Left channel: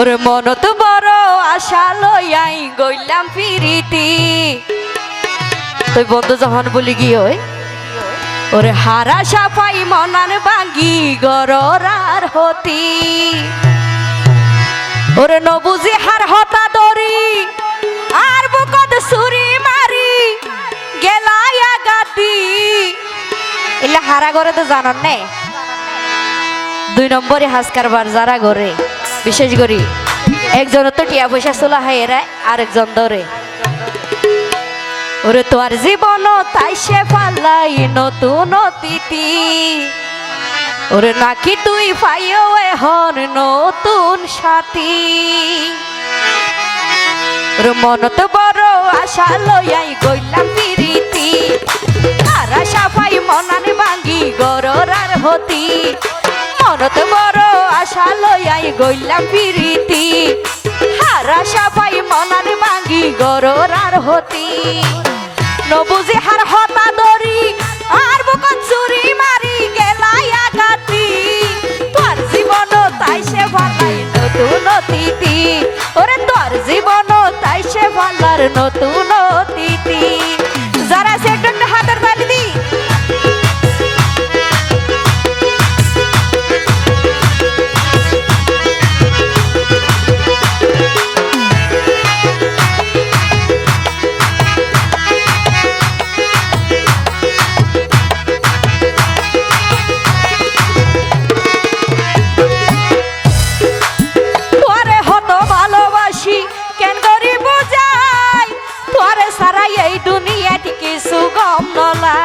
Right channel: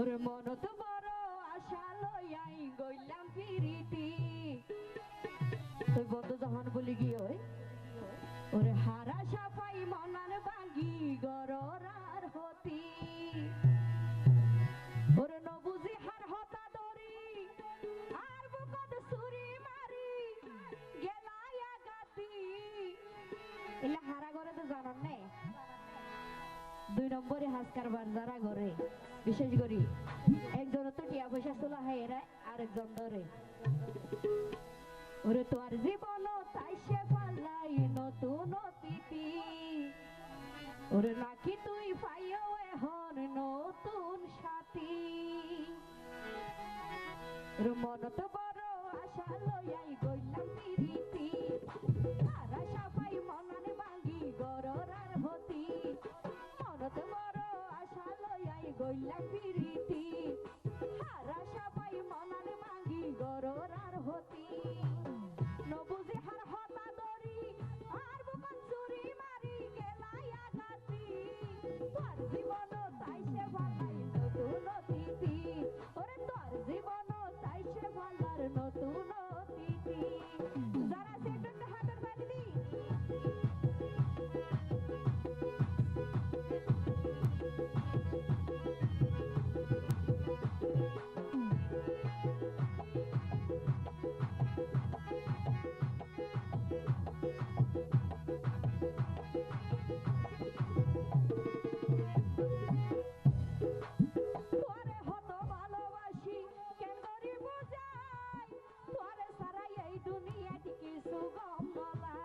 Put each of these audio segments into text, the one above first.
ওরে মনত বড় আশা লইয়াই গইলাম ফিরিতি তুই বন্ধু যখন বলি কি হয় ওরে হারা সাফাই মনান ভাঙ্গি গরার হতি ওরে নবুজি হার হতা দরি আর বুকত ছুরি মারি গেলায়া গাতি এলা হারা ঘরে তো জানান নে 2 নম্বরে হাস কারবার যারা ঘরে বিশেষ করি একজন তো টিয়া পয়সা চলা হয় এরা আরেকজন ধরে ওরে তোর জীবন তাই সে পাল্লাই নতুন অতিথি ওরে নাকি তুই পাইও এখন নতুন সাথী ওরে মনত বড় আশা লইয়াই গইলাম ফিরিতি আর আশা পাই মনান ভাঙ্গি গরার হতি মনত বড় আশা লইয়াই গইলাম ফিরিতি আর আশা পাই মনান ভাঙ্গি গরার হতি নবুজি হার হতা দরি আর বুকত ছুরি মারি গেলায়া গাতি তোর জীবন তাই সে ভালাই নতুন অতিথি ওরে তোর জীবন তাই সে ভালার নতুন অতিথি যারা সে একজন হাতের তালি দি এই দুনিয়াটি কিছু গম নলা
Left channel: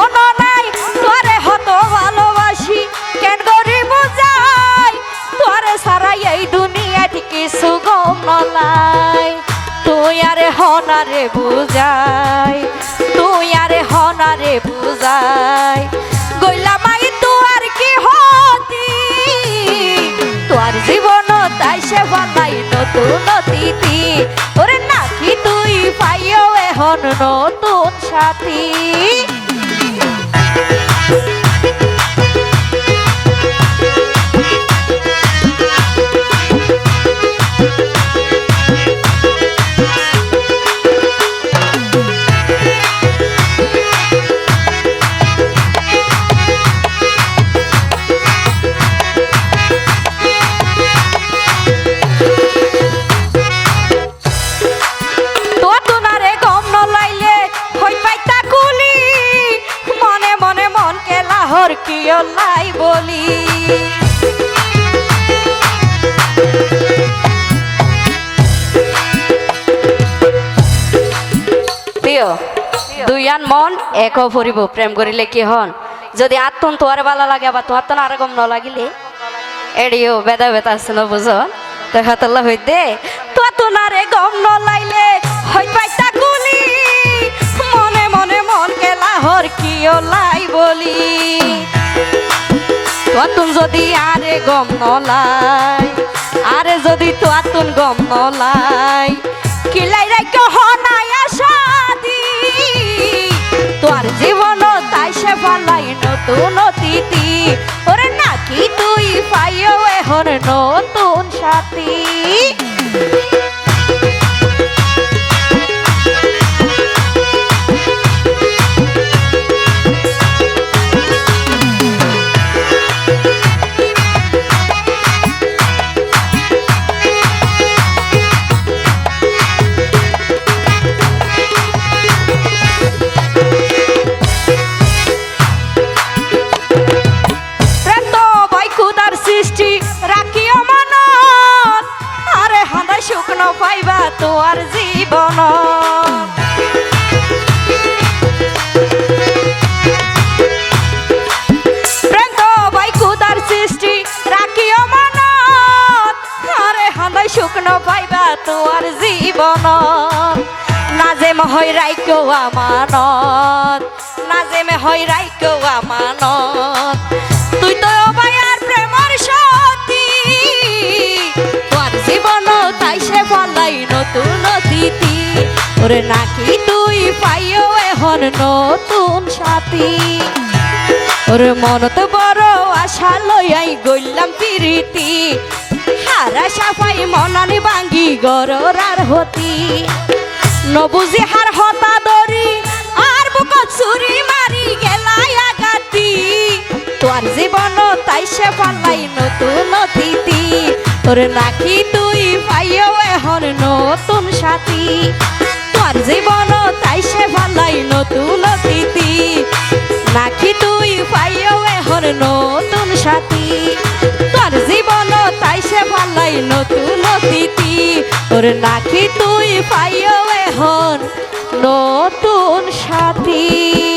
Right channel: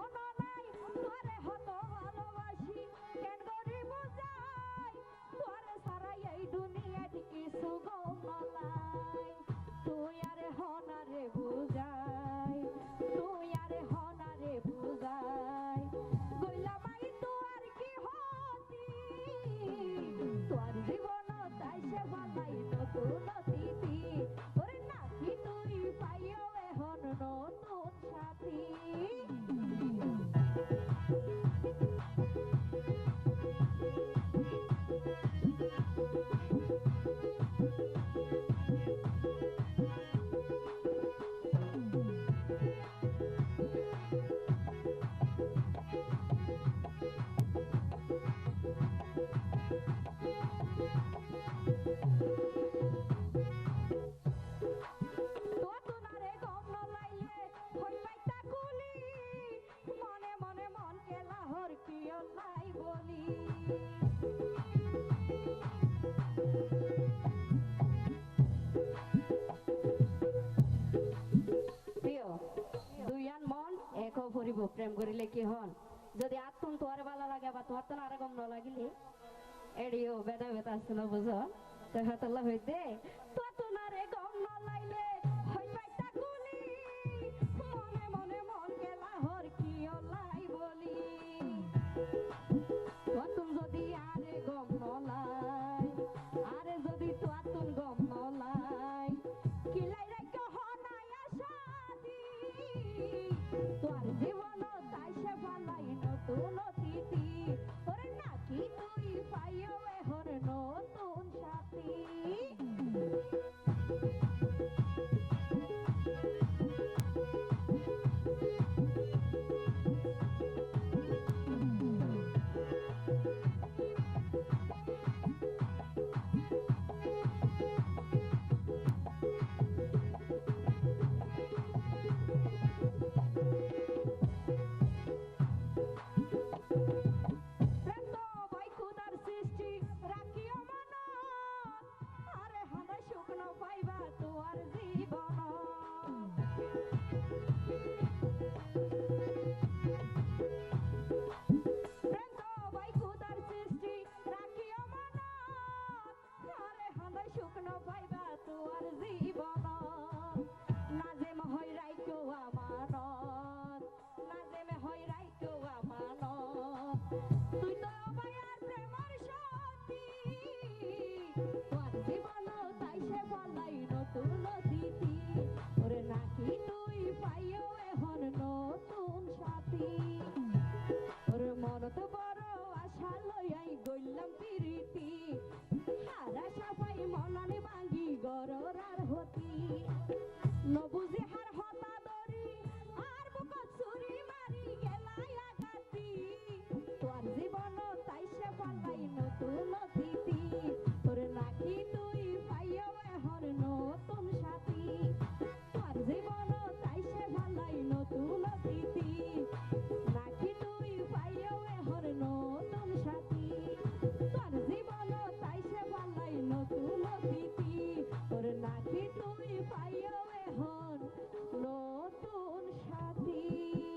ও নলাই তোরে হত ভালোবাসি কেন করি বুঝাই তোরে সারা এই দুনিয়াটি কিছু গম নলাই তুই আরে হনারে বুঝাই তুই আরে হনারে বুঝাই গইলা মাই তোর কি হতি তোর জীবন তাই সে ভালাই নতুন অতিথি ওরে নাকি তুই পাইও এখন নতুন সাথী কিও লাই বলি প্রিয় দুইয়ান মন এক ভরিব প্রেম করিলে কি হন যদি আত্মন তোয়ার ভালো লাগে বা তোমার তো আর গম ন লাগিলে এড়িও বেদা বেতা আছে না বুঝো তো হাতল্লা হইতে তো না রে গম ন লাইলে হই পাইতা গুলি মনে মনে মন কেলা হর কিও লাই বলি তোয়াতুন যদি আরে গম নলাই আরে যদি তোয়াতুন গম নলাই কিলাই রাখ হনাই আশাদি তোর জীবন তাই সে ভালাই নতুন অতিথি ওরে নাকি তুই পাইও এখন নতুন সাথী শুকনো পাইবা তোর জীবন প্রেম তো ভাই খুদার সৃষ্টি রাখিও মনত আরে হাঁদাই শুকনো পাইবা তোর জীবন নাজেম হই রাইকো আমানত নাজেম হই রাইকো আমানত তুই তো ভাই আর প্রেমর সতী তোর জীবন তাই সে ভালাই নতুন অতিথি ওরে নাকি তুই পাইও এখন নতুন সাথী ওরে মনত বড় আশা লইয়াই গইলাম পিরিতি হারা সাফাই মনানি ভাঙ্গি গরর আর হতি নবুজি হার হতা দরি আর বুকত চুরি মারি গেলাই আগাতি তোর জীবন তাই সে পালাই নতুন অতিথি ওরে নাকি তুই পাইও এখন নতুন সাথী তোর জীবন তাই সে পালাই নতুন অতিথি নাকি তুই পাইও এখন নতুন সাথী তোর জীবন তাই সে পালাই নতুন অতিথি ওরে নাকি তুই পাইও এখন নতুন সাথী।